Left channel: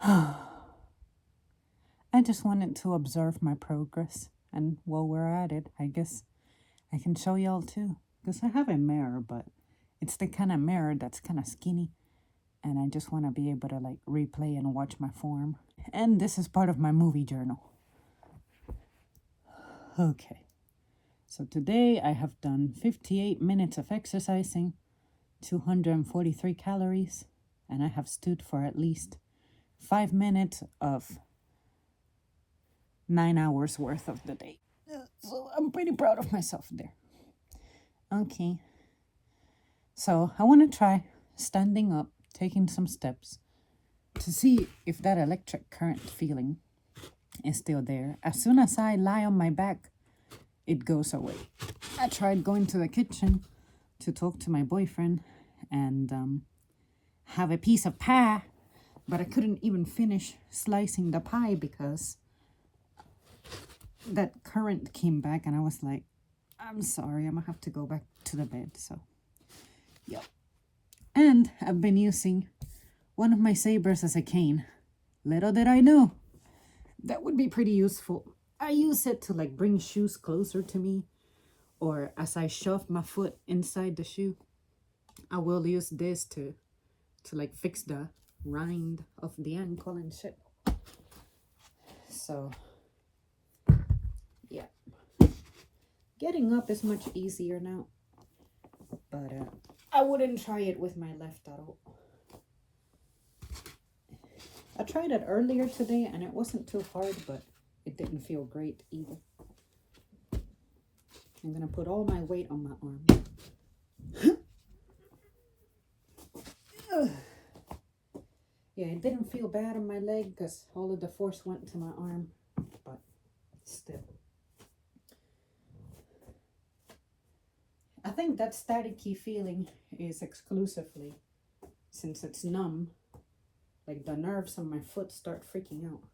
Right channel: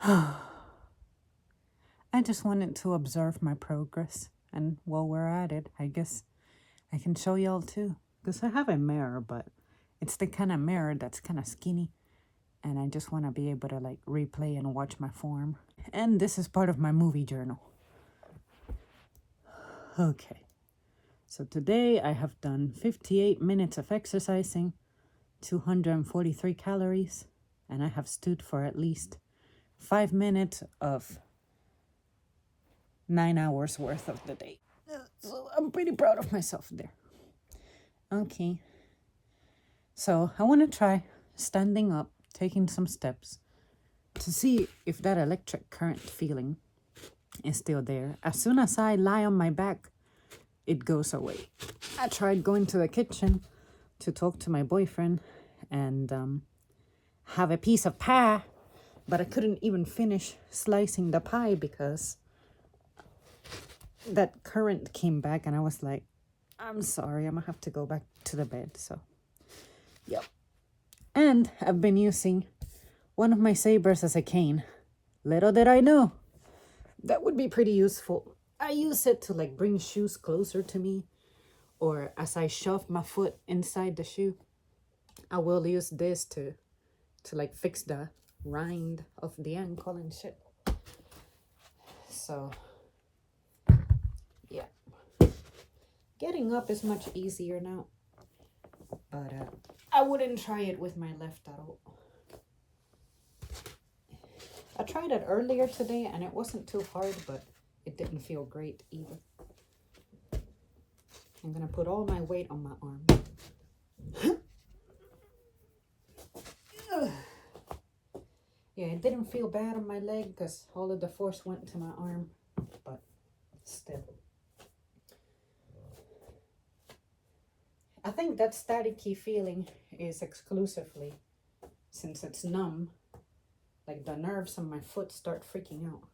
I just wanted to observe my progress. And while we're at it, I guess I can show y'all too. Because I have a mirror, but it's the kind of mirror that's kind of skinny. And I just want to be able to like replay and watch my form. And this is part of my movie journal. Okay. So today I have done 58 minutes of exercising, 243 calories, and I have stood for at least 5 minutes of 9 hours worth of the day. So I'm pretty proud of myself there. Okay. So I want to try standing up, taking some steps to see if that electric current feeling is still there. As soon as I lie on my back, it goes away. I tried going to the kitchen to talk to my boyfriend and have a piece of pie, but I couldn't even finish slicing the pie because that current came back and I was like, I'm sorry, I'm gonna have to go back to the bed. So, yep. And I've been using one of my sabers as a cane. Little did I know that would be pretty useful. I use it to like bring shoes closer to me, or as I shove my foot inside the shoe, I will use this to like fix the rind of the ankle and shit. So yeah, getting up is much easier now, but I wouldn't try it with my left at all. I tried it earlier today and it wasn't too hard, but it didn't feel great either. I'm gonna put all my weight on my arm. Yeah, it didn't feel bad on my leg because all of the force went to my arm, but still. I think that staticky feeling is exclusively, since it's numb, like the nerves on my foot start freaking out.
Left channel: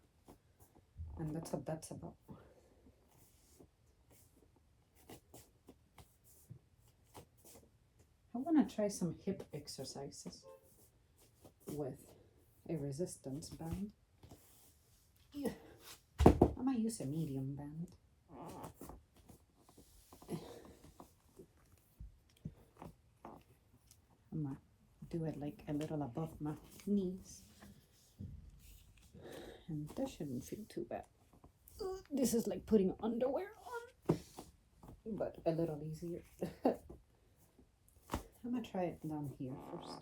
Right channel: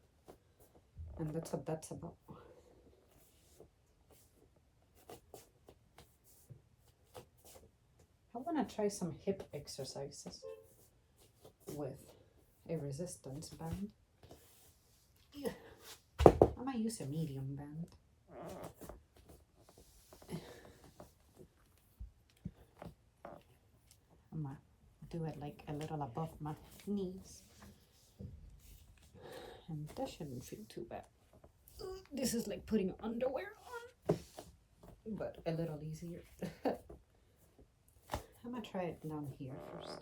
And that's what that's about. I want to try some hip exercises with a resistance band. Yeah. I might use a medium band. I'm gonna do it like a little above my knees. And that shouldn't feel too bad. This is like putting underwear on, but a little easier. I'm gonna try it down here first.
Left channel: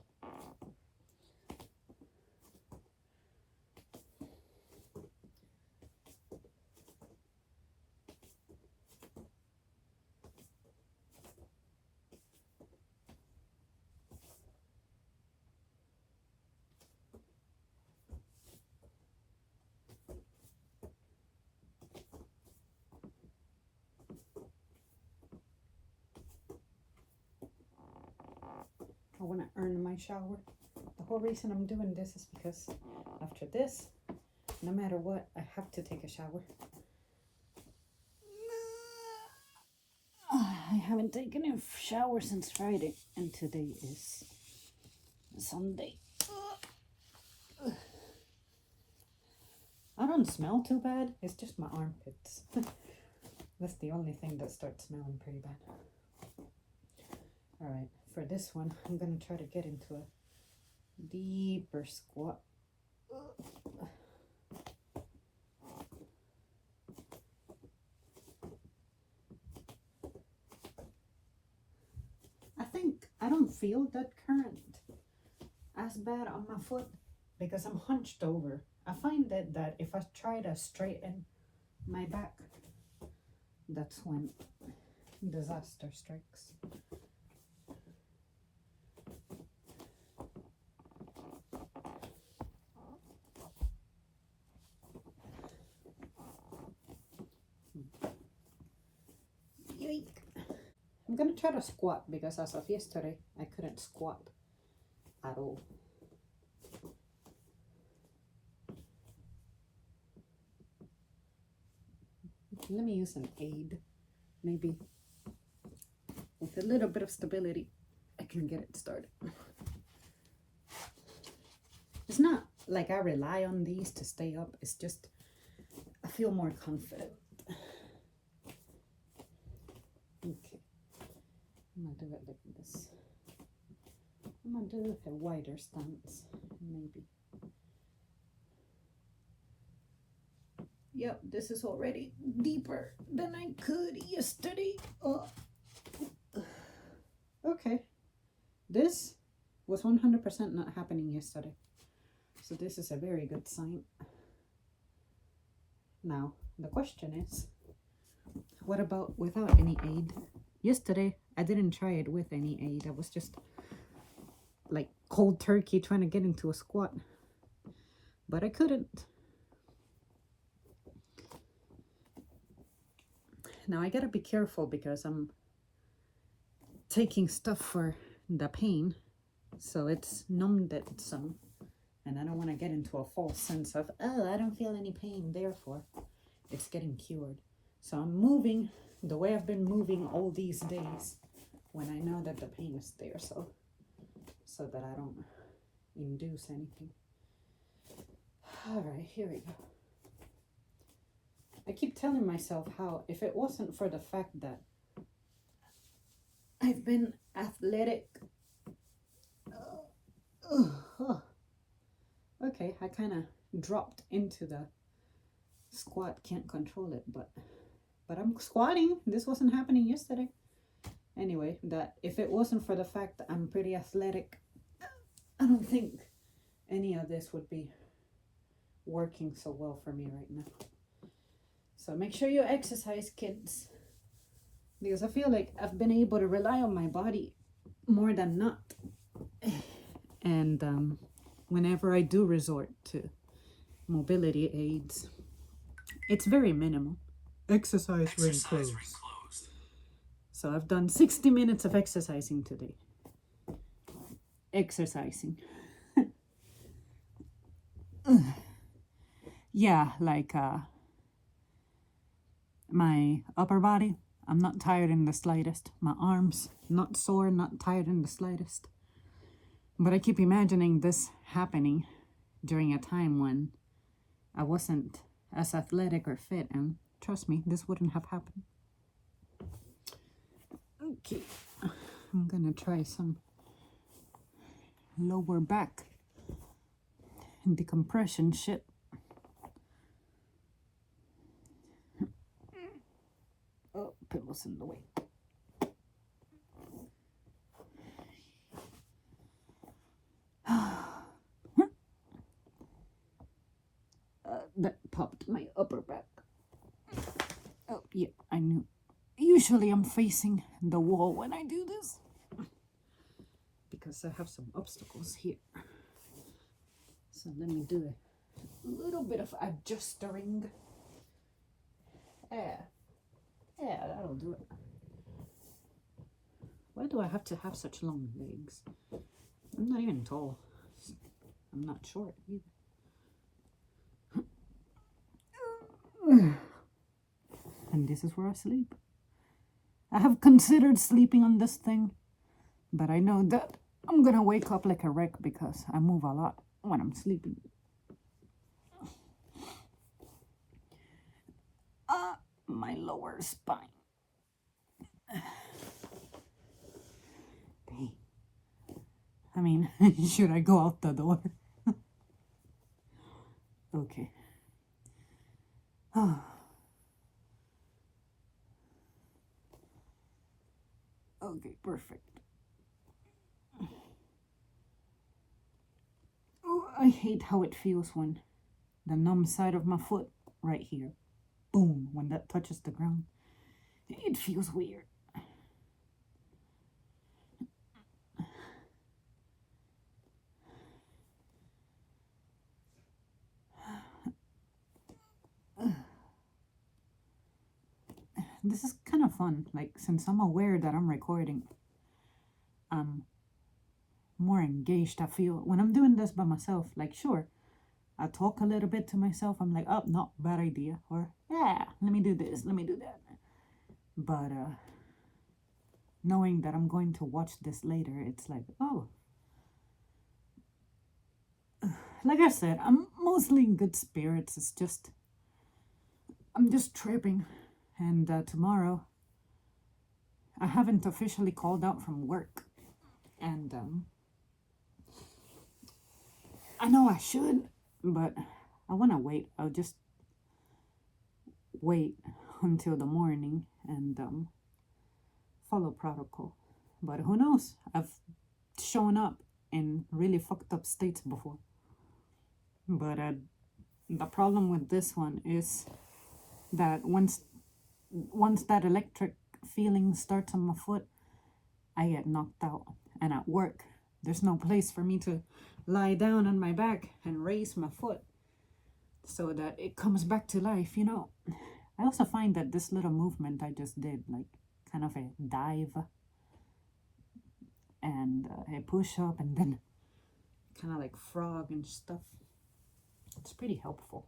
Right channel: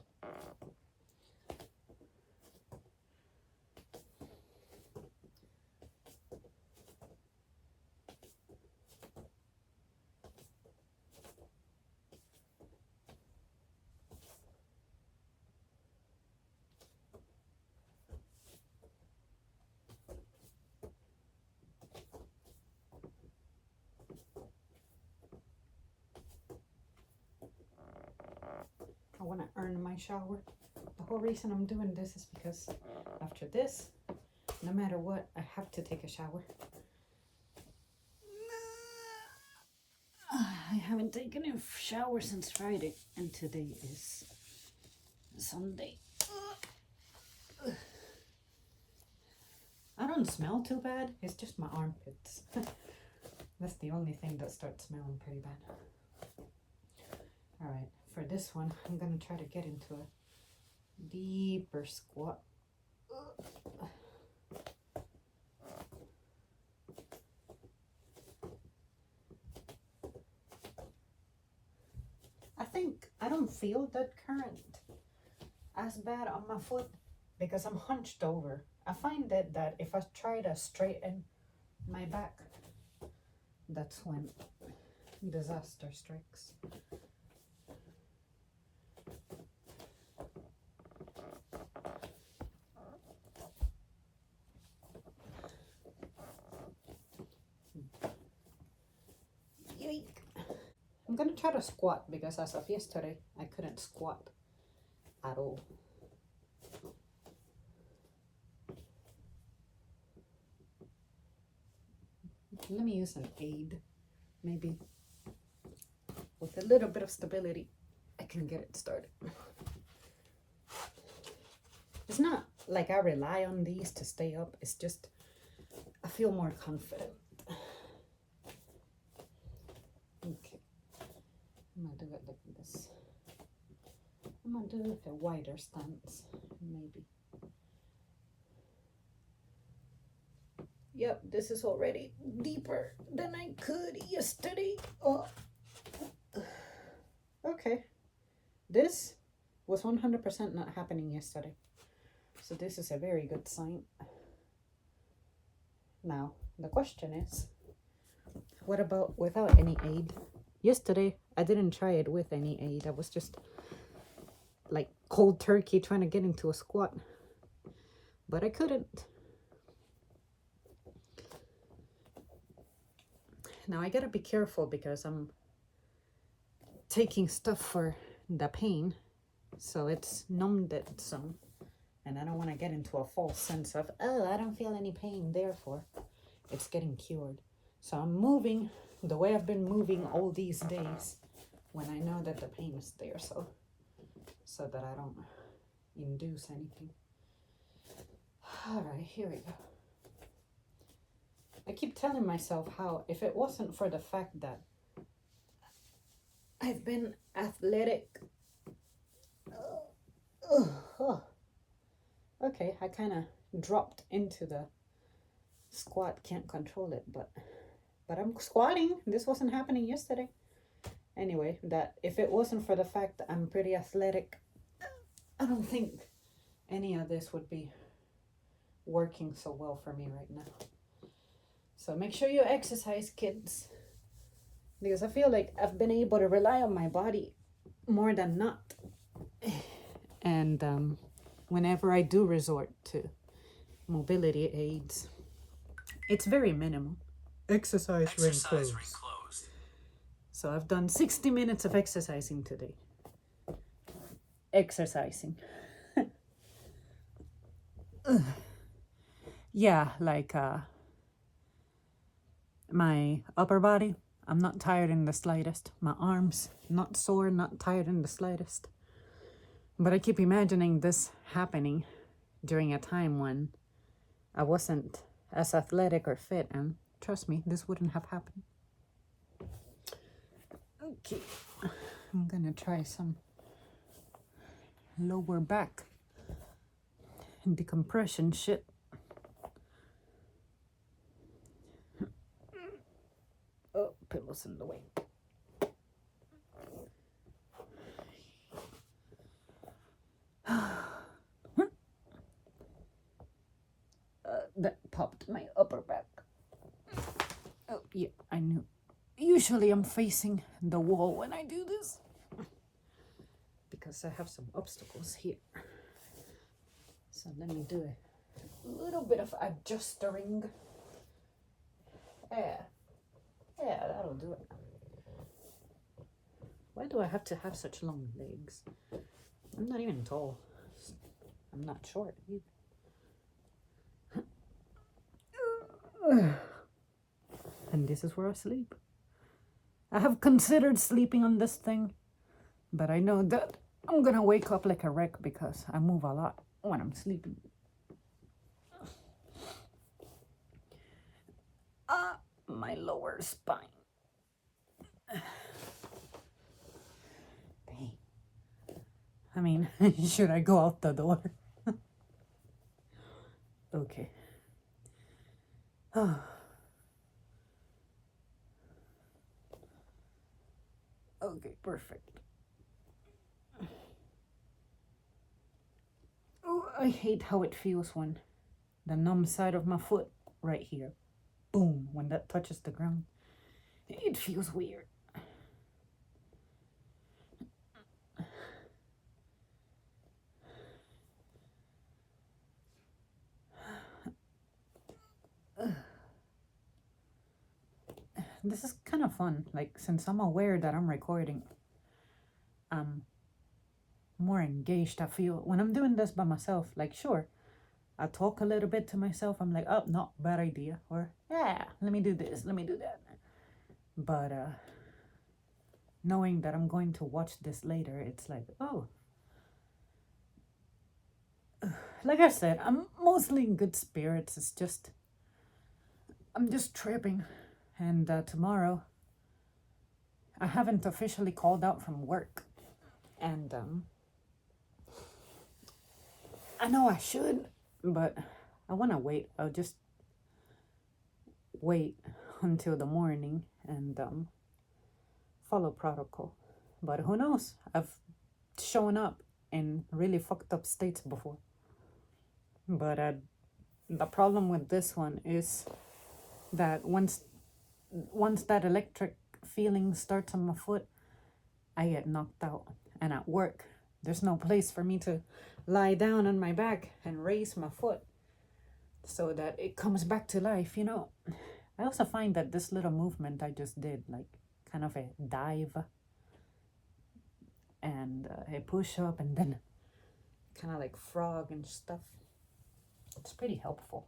I want to earn my shower. The whole reason I'm doing this is because after this, no matter what, I have to take a shower. I haven't taken a shower since Friday, and today is Sunday. I don't smell too bad. It's just my armpits. That's the only thing that starts smelling pretty bad. All right, for this one, I'm gonna try to get into a deeper squat. I think I don't feel that current as bad on my foot because I'm hunched over. I find that if I try to straighten my back, that's when disaster strikes. Yike. I'm gonna try to squat because as of yesterday, I couldn't squat at all. Let me use an aid. Maybe with a little bit of stability, I can get it started. It's not like I rely on these to stay up. It's just, I feel more confident. Okay. I'm gonna do it like this. I'm gonna do like a wider stance, maybe. Yep, this is already deeper than I could yesterday. Oh. Okay. This was 100% not happening yesterday. So this is a very good sign. Now, the question is, what about without any aid? Yesterday, I didn't try it with any aid. I was just like cold turkey trying to get into a squat. But I couldn't. Now, I gotta be careful because I'm taking stuff for the pain. So it's numbed it some. And I don't want to get into a false sense of, oh, I don't feel any pain, therefore it's getting cured. So I'm moving the way I've been moving all these days when I know that the pain is there, so that I don't induce anything. All right, here we go. I keep telling myself how if it wasn't for the fact that I've been athletic, okay, I kind of dropped into the squat, can't control it, but I'm squatting. This wasn't happening yesterday. Anyway, that if it wasn't for the fact that I'm pretty athletic, I don't think any of this would be working so well for me right now. So make sure you exercise, kids, because I feel like I've been able to rely on my body more than not. And whenever I do resort to mobility aids, it's very minimal. Exercise ring closed. So I've done 60 minutes of exercising today. Exercising. Yeah, like my upper body, I'm not tired in the slightest. My arms, not sore, not tired in the slightest. But I keep imagining this happening during a time when I wasn't as athletic or fit, and trust me, this wouldn't have happened. Okay, I'm gonna try some lower back decompression shit. Oh, pillows in the way. That popped my upper back. Oh, yeah, I knew. Usually I'm facing the wall when I do this because I have some obstacles here. So let me do a little bit of adjusting. Yeah, that'll do it. Why do I have to have such long legs? I'm not even tall. I'm not short either. And this is where I sleep. I have considered sleeping on this thing, but I know that I'm gonna wake up like a wreck because I move a lot when I'm sleeping. My lower spine. Dang. I mean, should I go out the door? Okay. Okay, perfect. Oh, I hate how it feels when the numb side of my foot right here, boom, when that touches the ground. It feels weird. This is kind of fun. Like, since I'm aware that I'm recording, I'm more engaged. I feel when I'm doing this by myself, like, sure, I talk a little bit to myself. I'm like, oh, no, bad idea. Or, yeah, let me do this, let me do that. But knowing that I'm going to watch this later, it's like, oh, like I said, I'm mostly in good spirits. It's just, I'm just tripping. And tomorrow, I haven't officially called out from work. And I know I should, but I want to wait. I'll just wait until the morning and follow protocol. But who knows? I've shown up in really fucked up states before. But the problem with this one is that once that electric feeling starts on my foot, I get knocked out. And at work, there's no place for me to lie down on my back and raise my foot so that it comes back to life, you know. I also find that this little movement I just did, like kind of a dive and a push up and then kind of like frog and stuff, it's pretty helpful.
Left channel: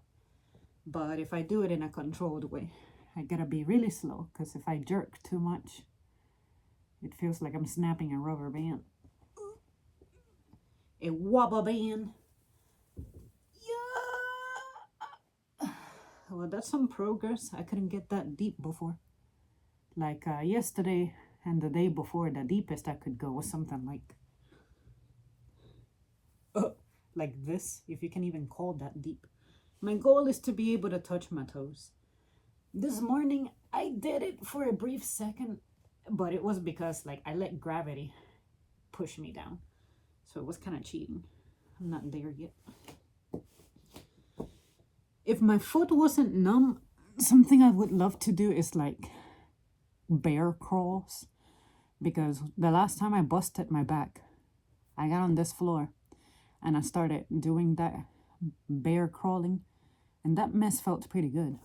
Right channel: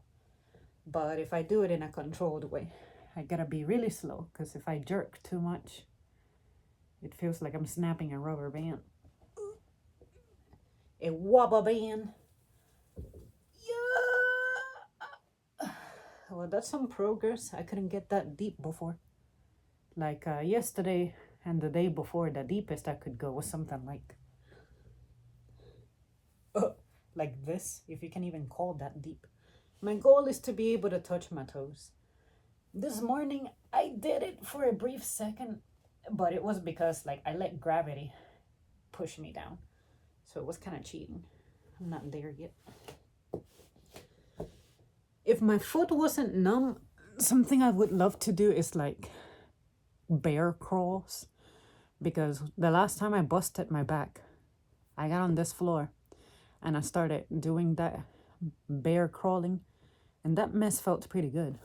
But if I do it in a controlled way, I gotta be really slow, because if I jerk too much, it feels like I'm snapping a rubber band. A wobble band. Yeah. Well, that's some progress. I couldn't get that deep before. Like yesterday and the day before, the deepest I could go was something like this, if you can even call that deep. My goal is to be able to touch my toes. This morning, I did it for a brief second, but it was because like I let gravity push me down. So it was kind of cheating. I'm not there yet. If my foot wasn't numb, something I would love to do is like bear crawls. Because the last time I busted my back, I got on this floor and I started doing that bear crawling, and that mess felt pretty good.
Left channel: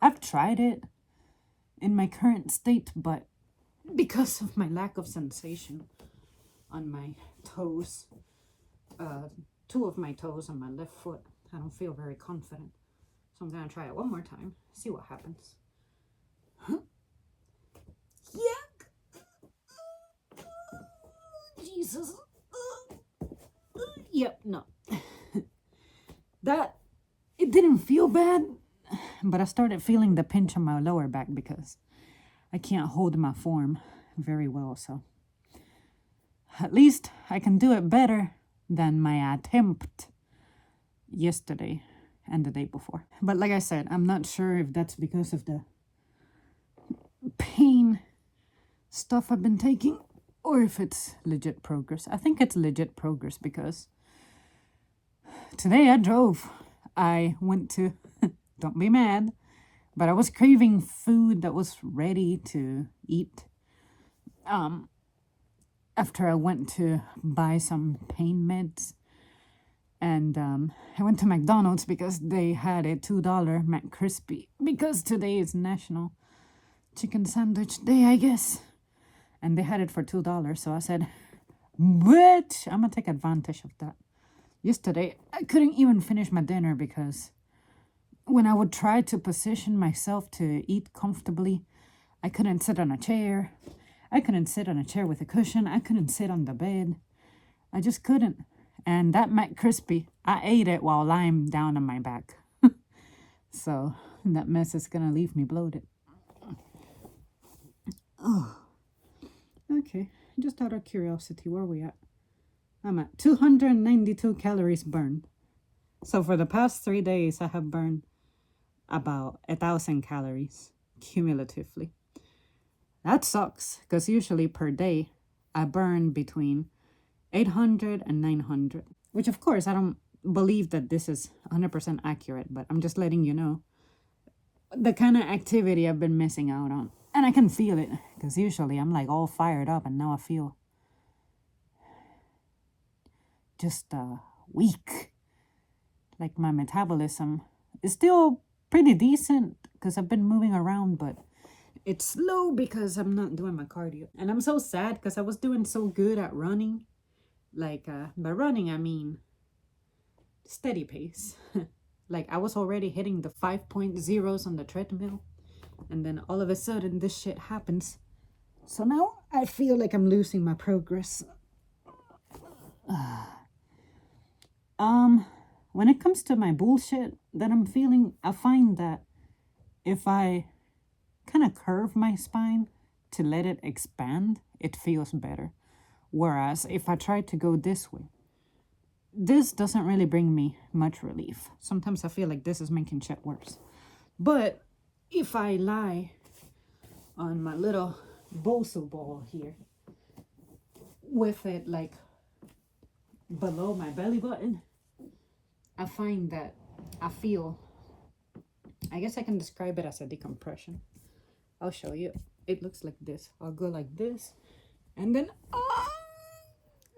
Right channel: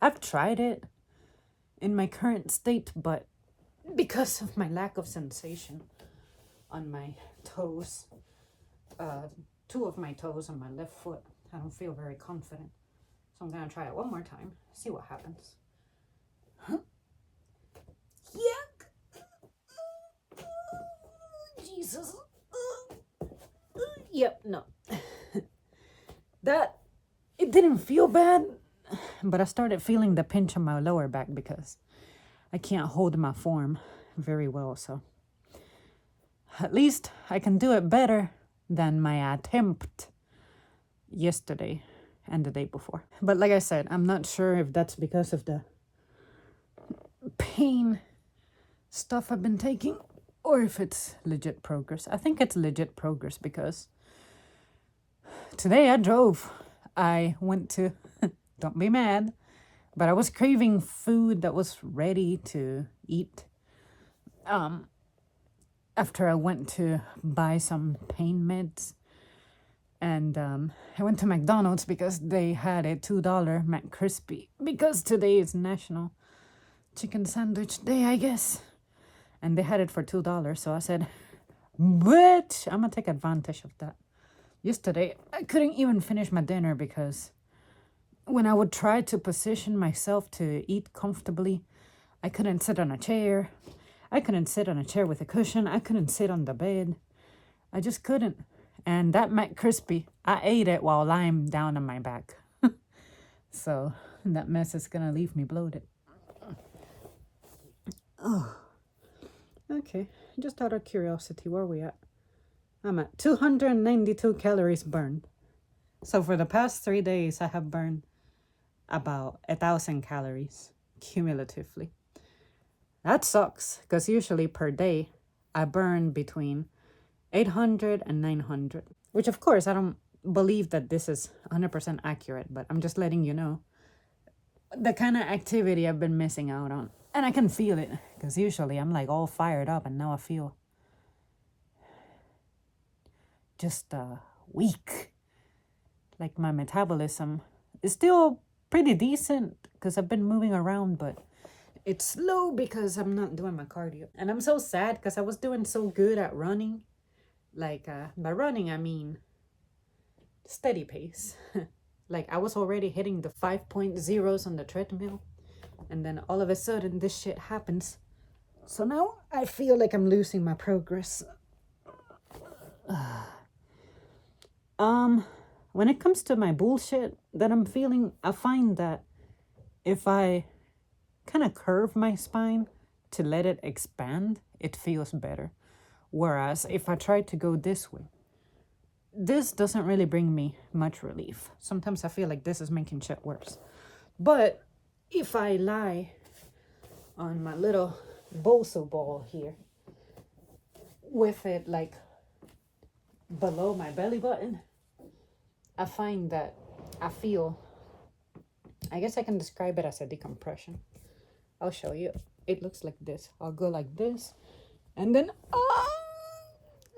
I've tried it in my current state, but because of my lack of sensation on my toes, two of my toes on my left foot, I don't feel very confident. So I'm gonna try it one more time, see what happens. Huh? Yuck! Jesus. Yep, no. That, it didn't feel bad, but I started feeling the pinch on my lower back because I can't hold my form very well, so at least I can do it better than my attempt yesterday and the day before. But like I said, I'm not sure if that's because of the pain stuff I've been taking or if it's legit progress. I think it's legit progress because today I drove. I went to, don't be mad, but I was craving food that was ready to eat. After I went to buy some pain meds, and I went to McDonald's because they had a $2 McCrispy, because today is National Chicken Sandwich Day, I guess. And they had it for $2, so I said, bitch, I'm gonna take advantage of that. Yesterday, I couldn't even finish my dinner because when I would try to position myself to eat comfortably, I couldn't sit on a chair. I couldn't sit on a chair with a cushion. I couldn't sit on the bed. I just couldn't. And that McCrispy, I ate it while lying down on my back. So that mess is gonna leave me bloated. Oh. Okay, just out of curiosity, where are we at? I'm at 292 calories burned. So for the past 3 days, I have burned about 1,000 calories cumulatively. That sucks, because usually per day, I burn between 800 and 900. Which, of course, I don't believe that this is 100% accurate, but I'm just letting you know the kind of activity I've been missing out on. And I can feel it, because usually I'm like all fired up, and now I feel just weak. Like my metabolism is still pretty decent, because I've been moving around, but it's slow because I'm not doing my cardio. And I'm so sad because I was doing so good at running. Like, by running, I mean steady pace. Like, I was already hitting the 5.0s on the treadmill. And then all of a sudden, this shit happens. So now I feel like I'm losing my progress. when it comes to my bullshit that I'm feeling, I find that if I kind of curve my spine to let it expand, it feels better. Whereas if I try to go this way, this doesn't really bring me much relief. Sometimes I feel like this is making shit worse. But if I lie on my little bosu ball here with it like below my belly button, I find that I feel, I guess I can describe it as a decompression. I'll show you. It looks like this. I'll go like this and then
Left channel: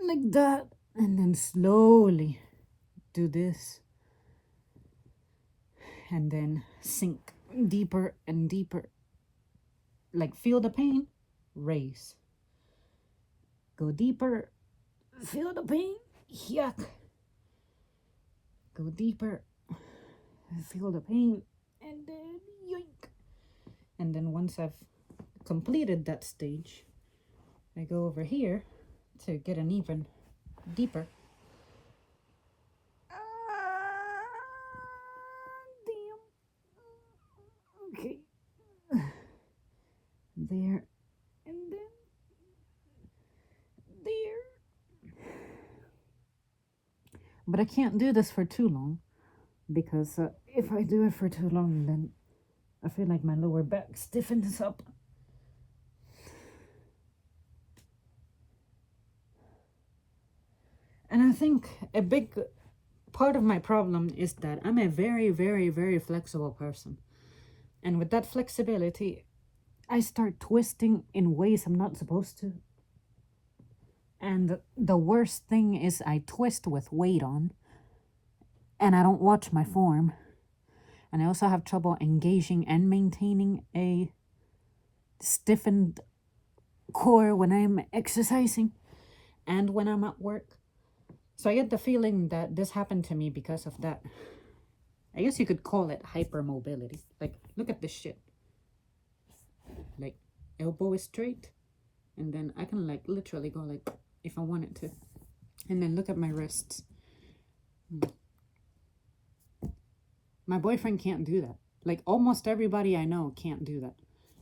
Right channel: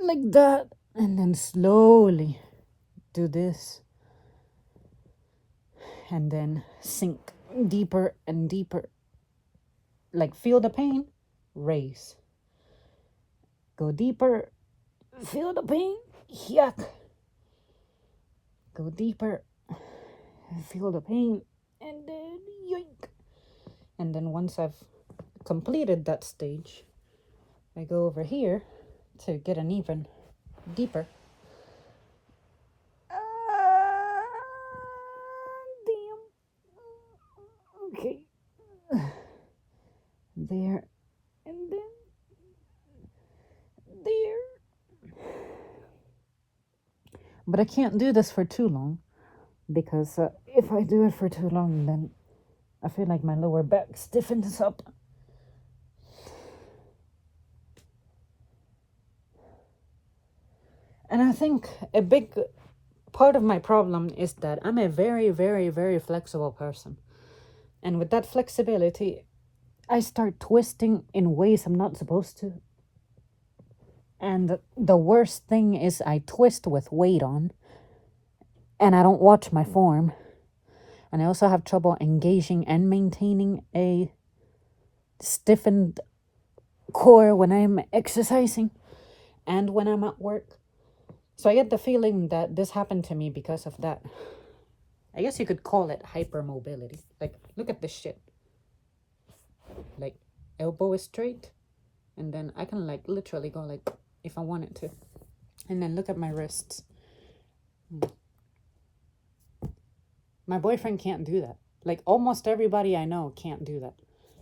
like that, and then slowly do this and then sink deeper and deeper. Like, feel the pain, raise. Go deeper, feel the pain, yuck. Go deeper, feel the pain, and then yoink. And then once I've completed that stage, I go over here to get an even deeper. Damn. Okay. There, and then there. But I can't do this for too long, because if I do it for too long, then I feel like my lower back stiffens up. And I think a big part of my problem is that I'm a very, very, very flexible person. And with that flexibility, I start twisting in ways I'm not supposed to. And the worst thing is I twist with weight on, and I don't watch my form. And I also have trouble engaging and maintaining a stiffened core when I'm exercising and when I'm at work. So I get the feeling that this happened to me because of that. I guess you could call it hypermobility. Like, look at this shit. Like, elbow is straight, and then I can like literally go like if I wanted to. And then look at my wrists. My boyfriend can't do that. Like, almost everybody I know can't do that.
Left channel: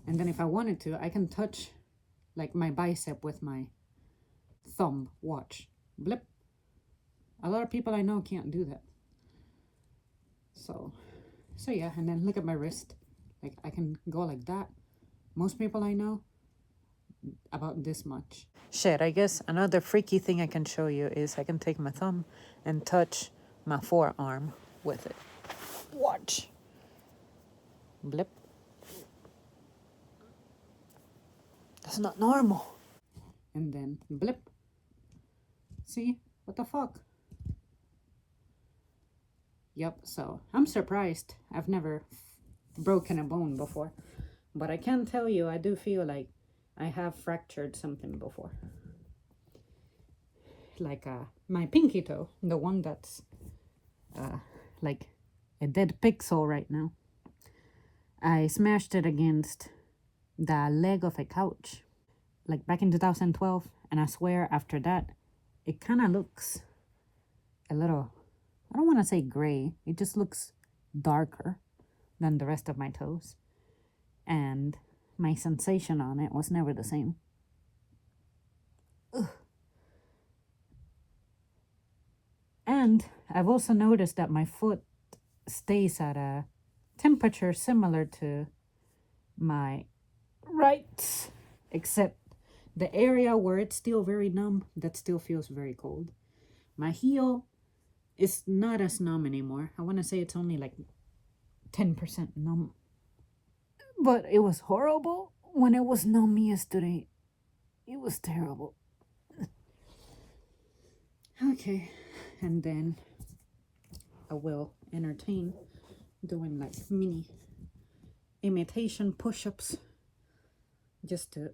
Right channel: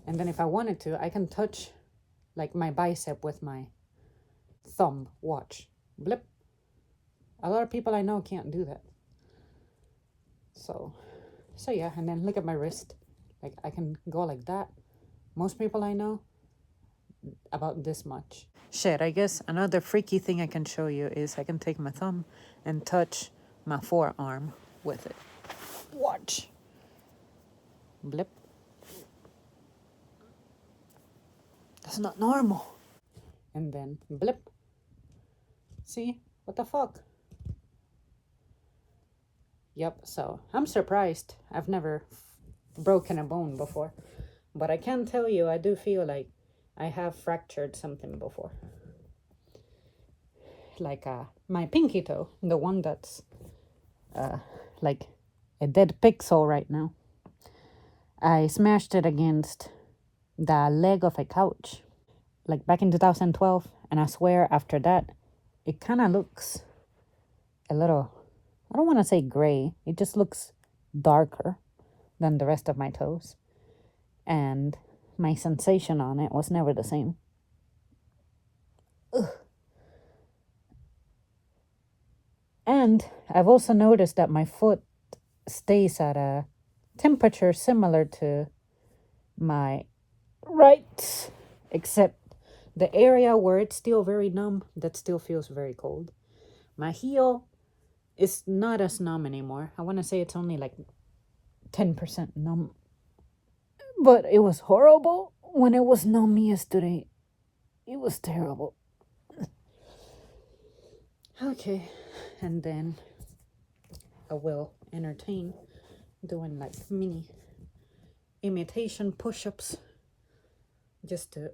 And then if I wanted to, I can touch like my bicep with my thumb. Watch. Blip. A lot of people I know can't do that. So yeah, and then look at my wrist. Like, I can go like that. Most people I know, about this much. Shit, I guess another freaky thing I can show you is I can take my thumb and touch my forearm with it. Watch. Blip. That's not normal. And then blip. See? What the fuck? Yep, so I'm surprised. I've never broken a bone before. But I can tell you, I do feel like I have fractured something before. Like my pinky toe, the one that's like a dead pixel right now. I smashed it against the leg of a couch, like back in 2012. And I swear after that, it kind of looks a little, I don't want to say gray. It just looks darker than the rest of my toes. And my sensation on it was never the same. Ugh. And I've also noticed that my foot stays at a temperature similar to my right, except the area where it's still very numb, that still feels very cold. My heel is not as numb anymore. I want to say it's only like 10% numb. But it was horrible when it was numb yesterday. It was terrible. Okay, and then I will entertain doing like mini imitation push-ups just to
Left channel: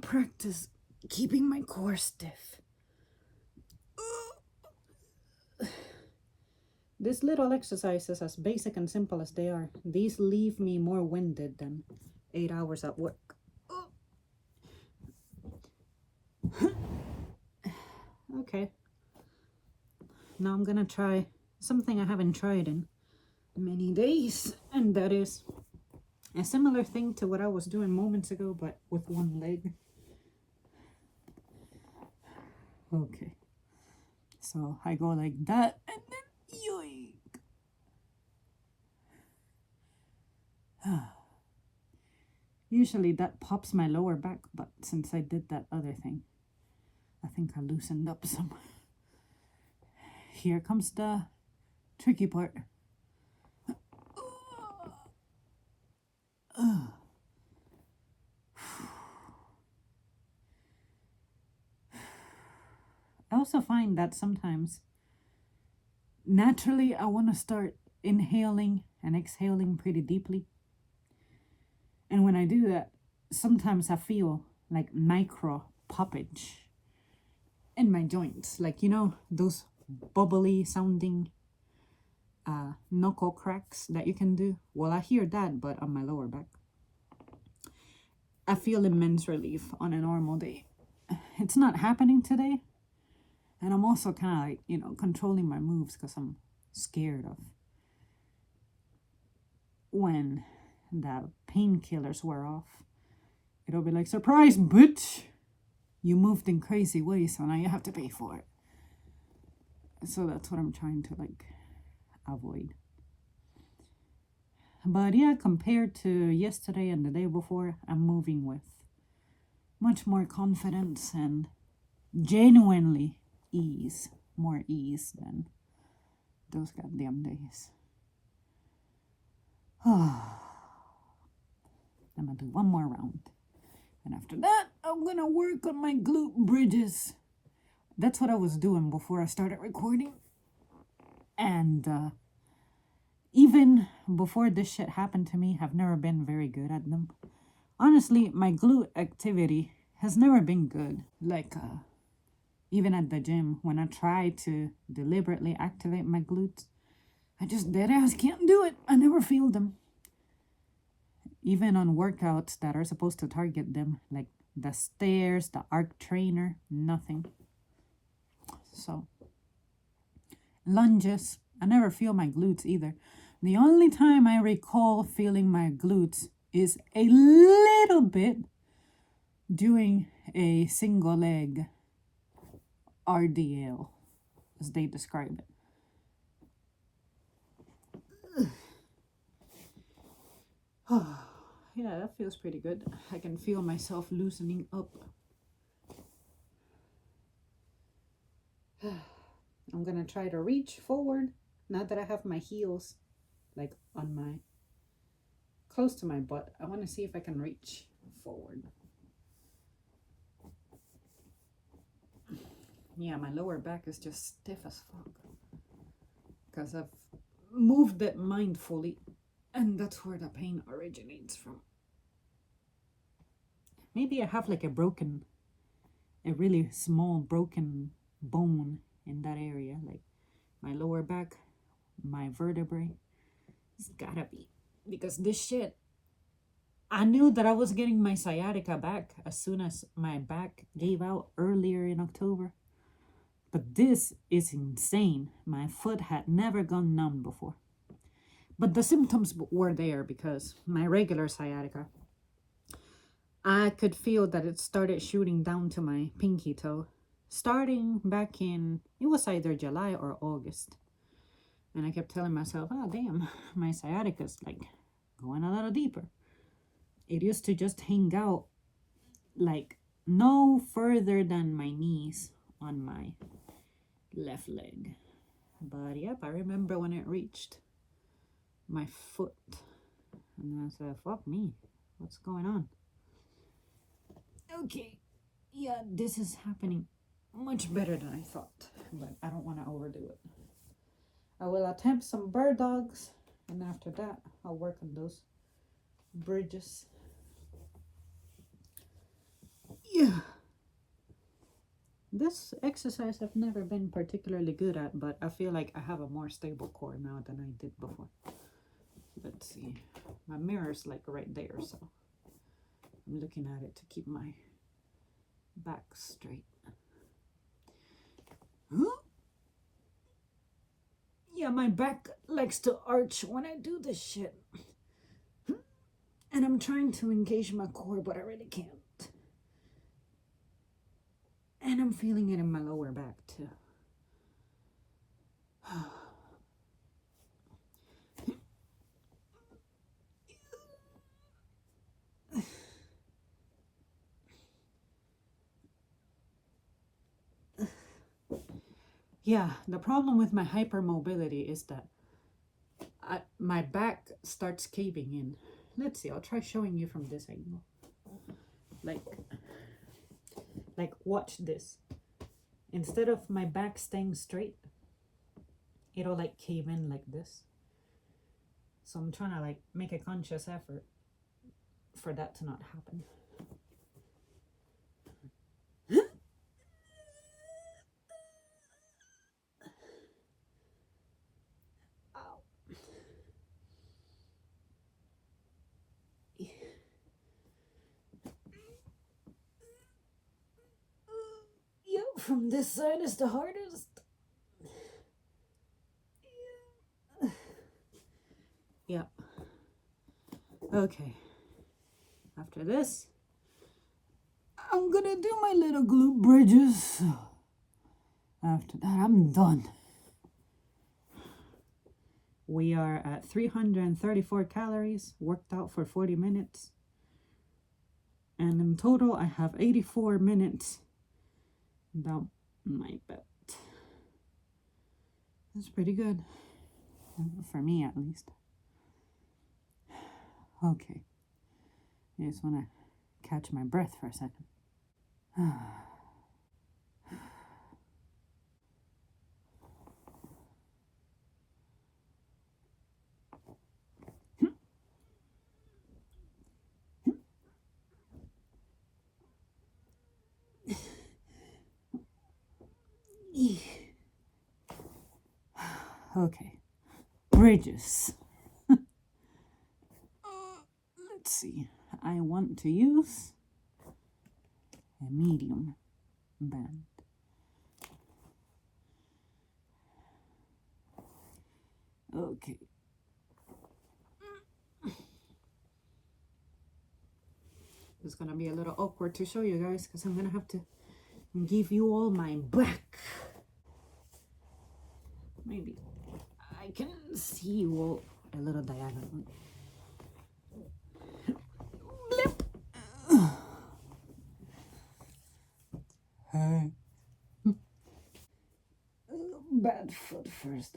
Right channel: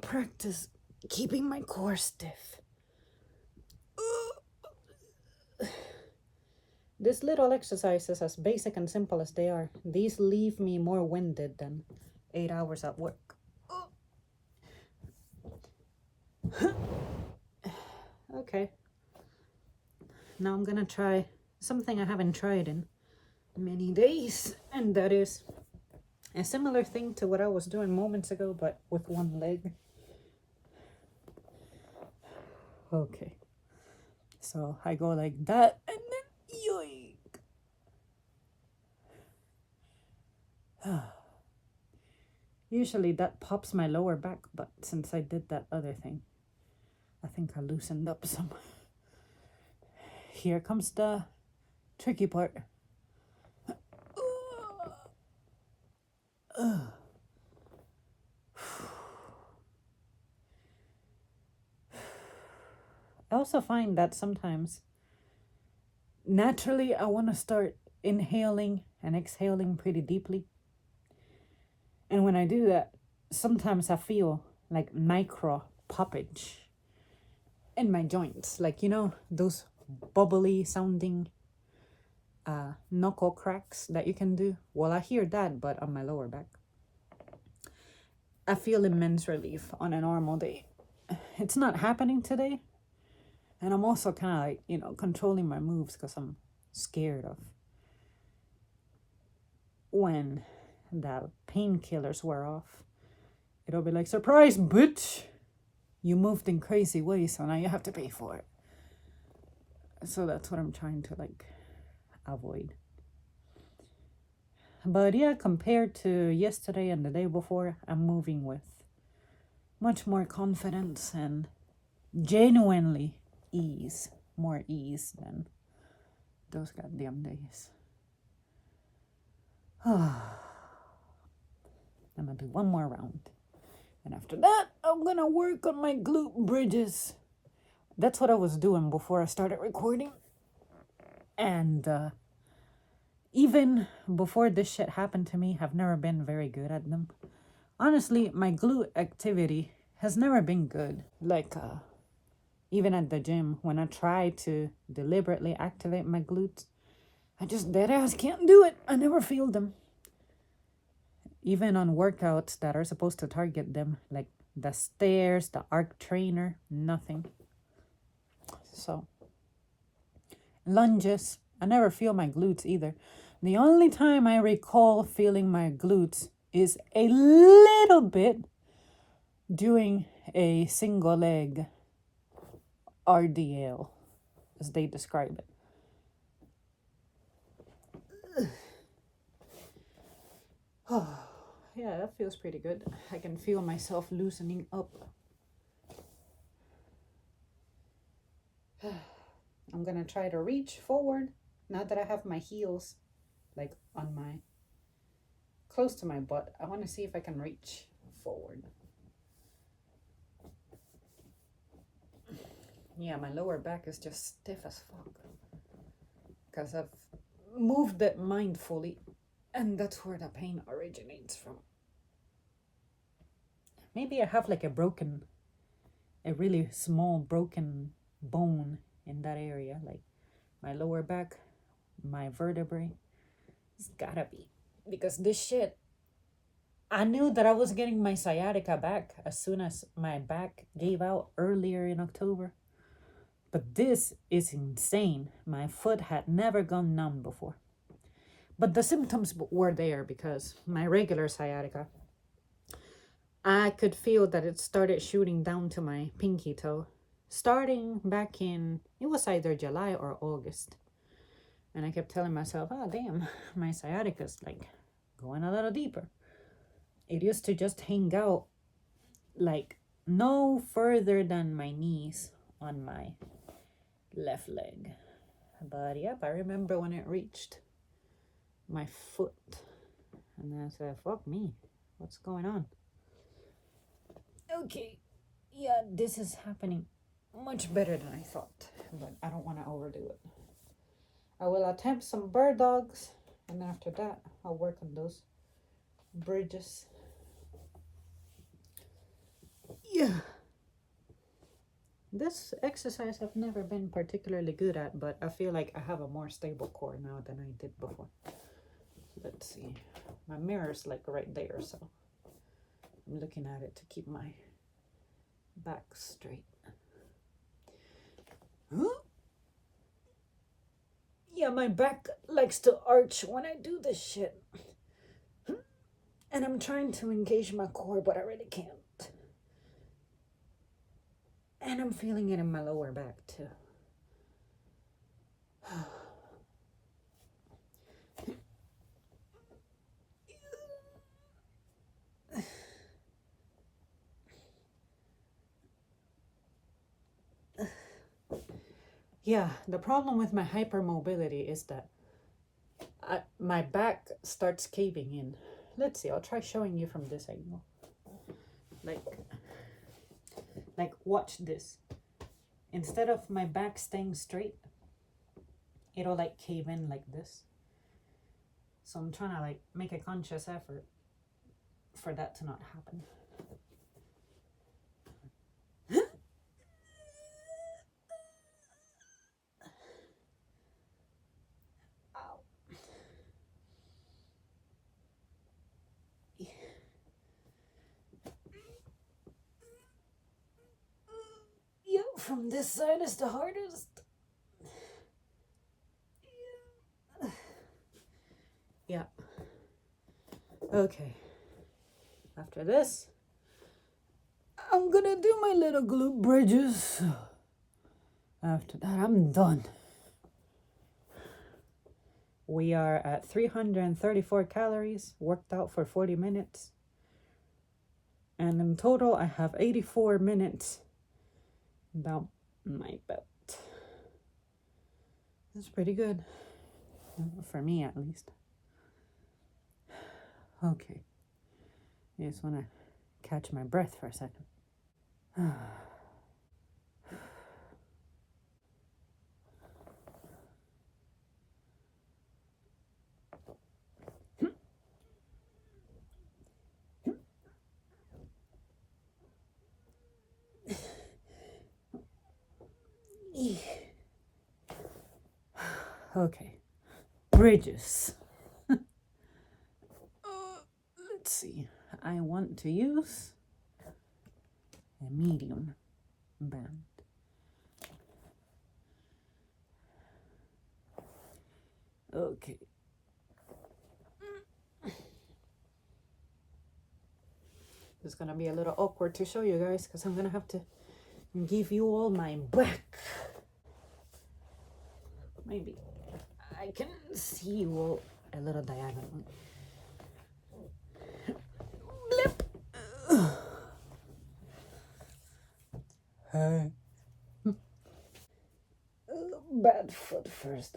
practice keeping my core stiff. These little exercises, as basic and simple as they are, these leave me more winded than 8 hours at work. Okay. Now I'm gonna try something I haven't tried in many days, and that is a similar thing to what I was doing moments ago, but with one leg. Okay. So I go like that, and then yoink. Usually that pops my lower back, but since I did that other thing, I think I loosened up some. Here comes the tricky part. I also find that sometimes naturally I want to start inhaling and exhaling pretty deeply. And when I do that, sometimes I feel like micro poppage in my joints. Like, you know, those bubbly sounding knuckle cracks that you can do. Well, I hear that, but on my lower back. I feel immense relief on a normal day. It's not happening today. And I'm also kind of like, you know, controlling my moves because I'm scared of when the painkillers wear off. It'll be like, surprise, bitch! You moved in crazy ways, so now you have to pay for it. So that's what I'm trying to like avoid. But yeah, compared to yesterday and the day before, I'm moving with much more confidence and genuinely ease. More ease than those goddamn days. I'm gonna do one more round. And after that, I'm gonna work on my glute bridges. That's what I was doing before I started recording. And even before this shit happened to me, I've never been very good at them. Honestly, my glute activity has never been good. Like, even at the gym, when I try to deliberately activate my glutes, I just dead ass can't do it. I never feel them. Even on workouts that are supposed to target them, like the stairs, the arc trainer, nothing. So, lunges, I never feel my glutes either. The only time I recall feeling my glutes is a little bit doing a single leg RDL, as they describe it. Yeah, that feels pretty good. I can feel myself loosening up. I'm gonna try to reach forward now that I have my heels like on my close to my butt. I want to see if I can reach forward. Yeah, my lower back is just stiff as fuck because I've moved it mindfully, and that's where the pain originates from. Maybe I have like a really small broken bone in that area, like my lower back, my vertebrae. It's gotta be, because this shit, I knew that I was getting my sciatica back as soon as my back gave out earlier in October. But this is insane. My foot had never gone numb before. But the symptoms were there because my regular sciatica, I could feel that it started shooting down to my pinky toe, starting back in, it was either July or August. And I kept telling myself, oh, damn, my sciatica's like going a little deeper. It used to just hang out like no further than my knees on my left leg. But yep, I remember when it reached my foot. And I said, fuck me, what's going on? Okay, yeah, this is happening much better than I thought, but I don't want to overdo it. I will attempt some bird dogs, and after that, I'll work on those bridges. Yeah. This exercise I've never been particularly good at, but I feel like I have a more stable core now than I did before. Let's see. My mirror's like right there, so I'm looking at it to keep my back straight. Huh? Yeah, Yeah, my back likes to arch when I do this shit. And I'm trying to engage my core, but I really can't. And I'm feeling it in my lower back too. Yeah, the problem with my hypermobility is that my back starts caving in. Let's see, I'll try showing you from this angle. Like watch this. Instead of my back staying straight, it'll like cave in like this. So I'm trying to like make a conscious effort for that to not happen. Ow. Yeah, from this side is the hardest. Yeah. Okay. After this, I'm gonna do my little glute bridges. After that, I'm done. We are at 334 calories, worked out for 40 minutes. And in total, I have 84 minutes down my belt. That's pretty good. For me, at least. Okay. I just want to catch my breath for a second. Okay. Bridges. Let's see. I want to use a medium band. Okay. It's gonna be a little awkward to show you guys because I'm gonna have to give you all my back. Maybe I can see you all a little diagonally. Blip. Hey. Bad foot first.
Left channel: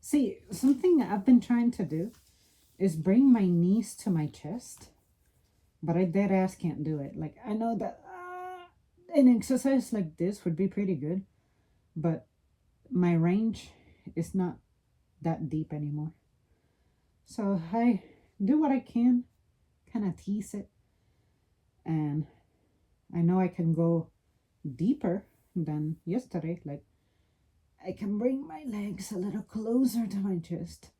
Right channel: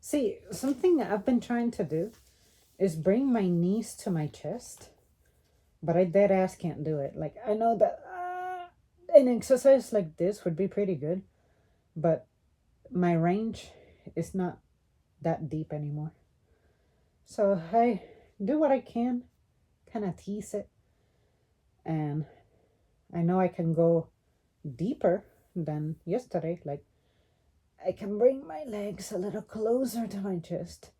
See, something that I've been trying to do is bring my knees to my chest, but I dead ass can't do it. Like, I know that an exercise like this would be pretty good, but my range is not that deep anymore. So I do what I can, kind of tease it, and I know I can go deeper than yesterday. Like, I can bring my legs a little closer to my chest,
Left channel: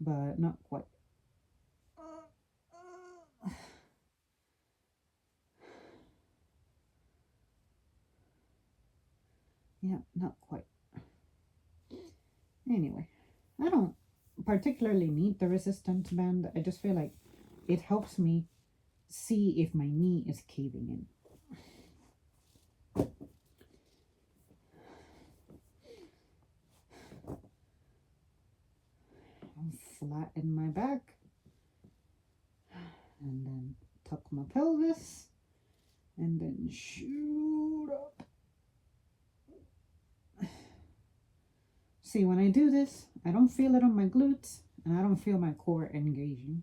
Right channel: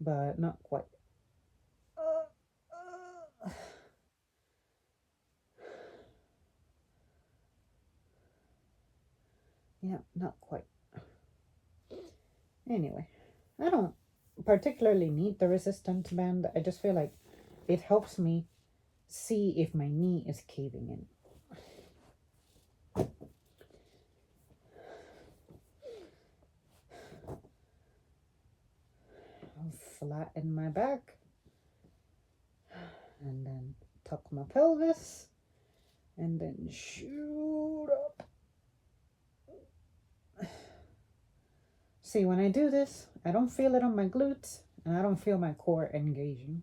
but not quite. Yeah, not quite. Anyway, I don't particularly need the resistance band. I just feel like it helps me see if my knee is caving in. I'll flatten my back and then tuck my pelvis and then shoot up. See, when I do this, I don't feel it on my glutes and I don't feel my core engaging.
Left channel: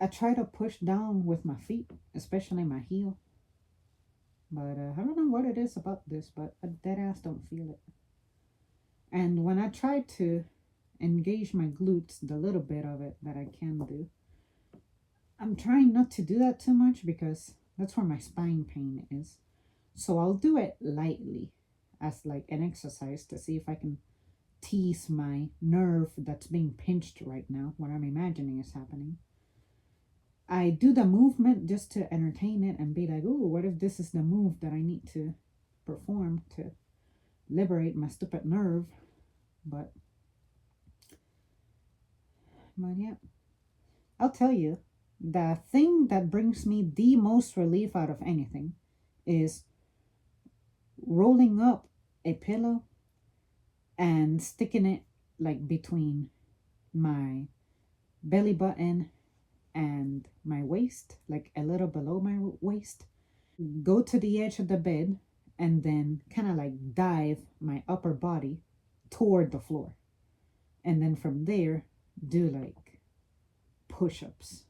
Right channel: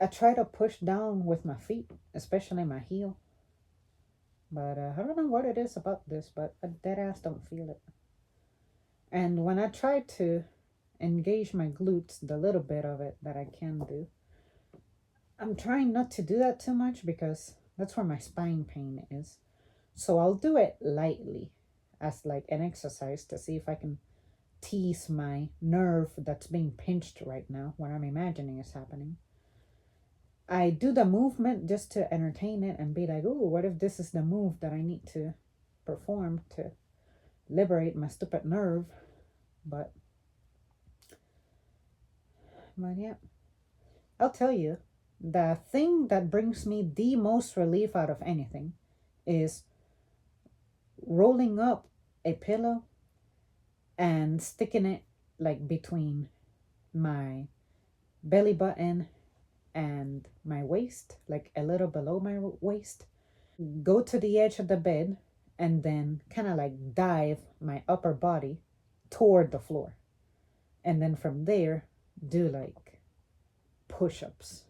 I try to push down with my feet, especially my heel. But I don't know what it is about this, but I dead ass don't feel it. And when I try to engage my glutes, the little bit of it that I can do, I'm trying not to do that too much because that's where my spine pain is. So I'll do it lightly as like an exercise to see if I can tease my nerve that's being pinched right now, what I'm imagining is happening. I do the movement just to entertain it and be like, "Ooh, what if this is the move that I need to perform to liberate my stupid nerve?" But yeah, I'll tell you, the thing that brings me the most relief out of anything is rolling up a pillow and sticking it like between my belly button and my waist, like a little below my waist. Go to the edge of the bed and then kind of like dive my upper body toward the floor. And then from there, do like push ups.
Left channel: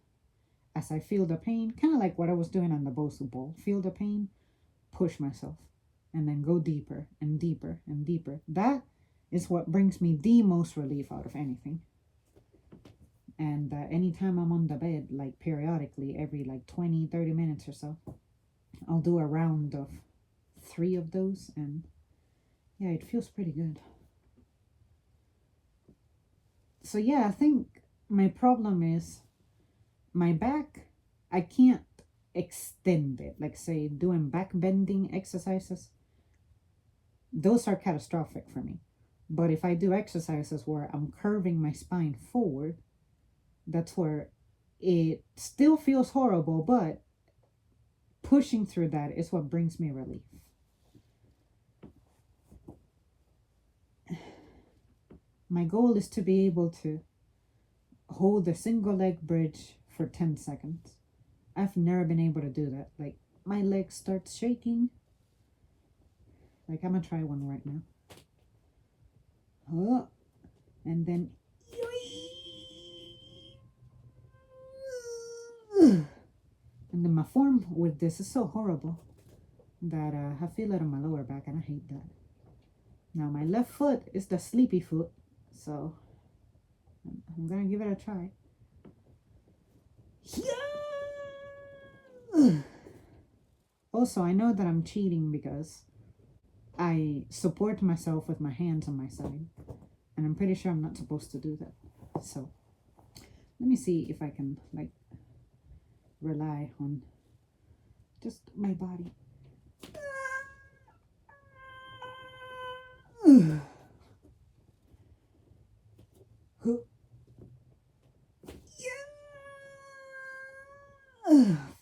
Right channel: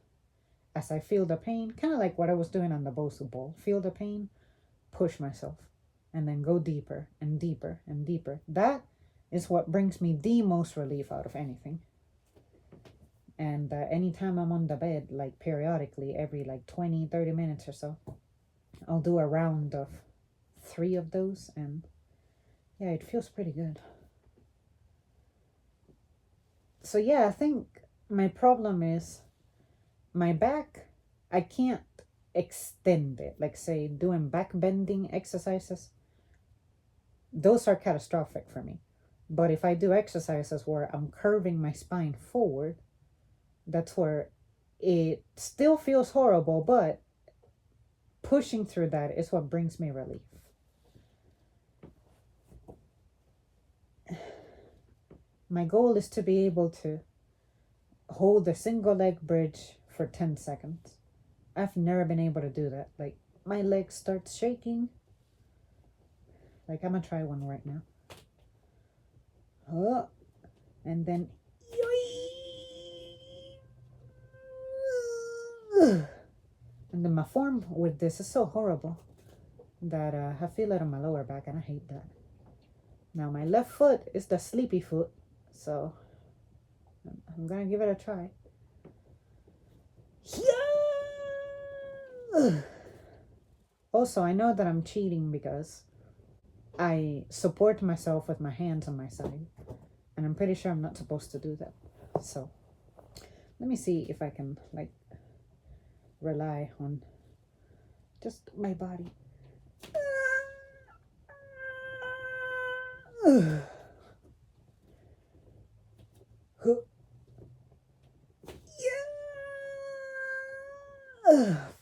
As I feel the pain, kind of like what I was doing on the Bosu ball. Feel the pain, push myself, and then go deeper and deeper and deeper. That is what brings me the most relief out of anything. And anytime I'm on the bed, like periodically, every like 20, 30 minutes or so, I'll do a round of 3 of those. And yeah, it feels pretty good. So yeah, I think my problem is my back. I can't extend it. Like say doing back bending exercises, those are catastrophic for me. But if I do exercises where I'm curving my spine forward, that's where it still feels horrible, but pushing through that is what brings me relief. My goal is to be able to hold a single leg bridge for 10 seconds. I've never been able to do that. Like my leg starts shaking. Like I'm gonna try one right now. Oh, and then and then my form with this is so horrible that I feel it on my lower back and I hate that. Now my left foot is the sleepy foot, so I'm gonna give it a try. Also, I know that I'm cheating because I support myself with my hands on my side, and I'm pretty sure I'm not supposed to do that. So let me see if I can like rely on just my body.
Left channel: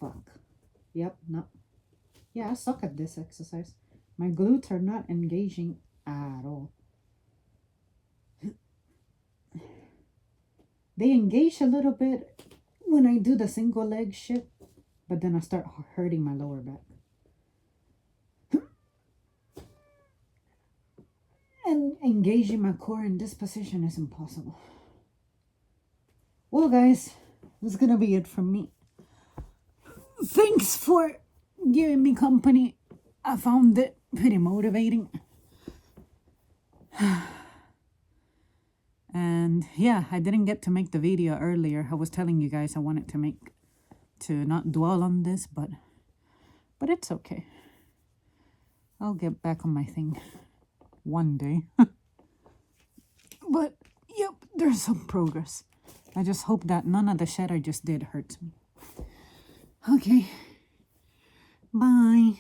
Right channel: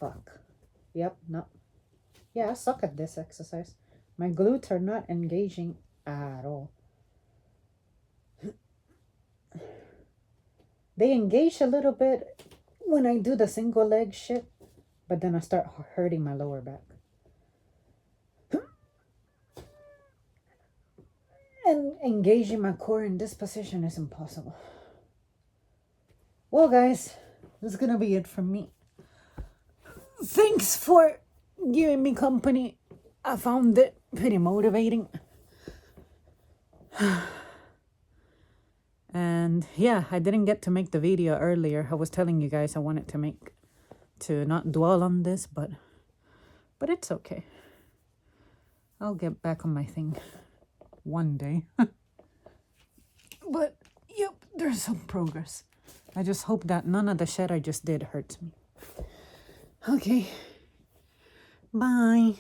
Fuck. Yep, no. Yeah, I suck at this exercise. My glutes are not engaging at all. They engage a little bit when I do the single leg shit, but then I start hurting my lower back. And engaging my core in this position is impossible. Well, guys, this is gonna be it from me. Thanks for giving me company. I found it pretty motivating. And yeah, I didn't get to make the video earlier. I was telling you guys I wanted to not dwell on this, but it's okay. I'll get back on my thing one day. But yep, there's some progress. I just hope that none of the shit I just did hurts me. Okay. Bye.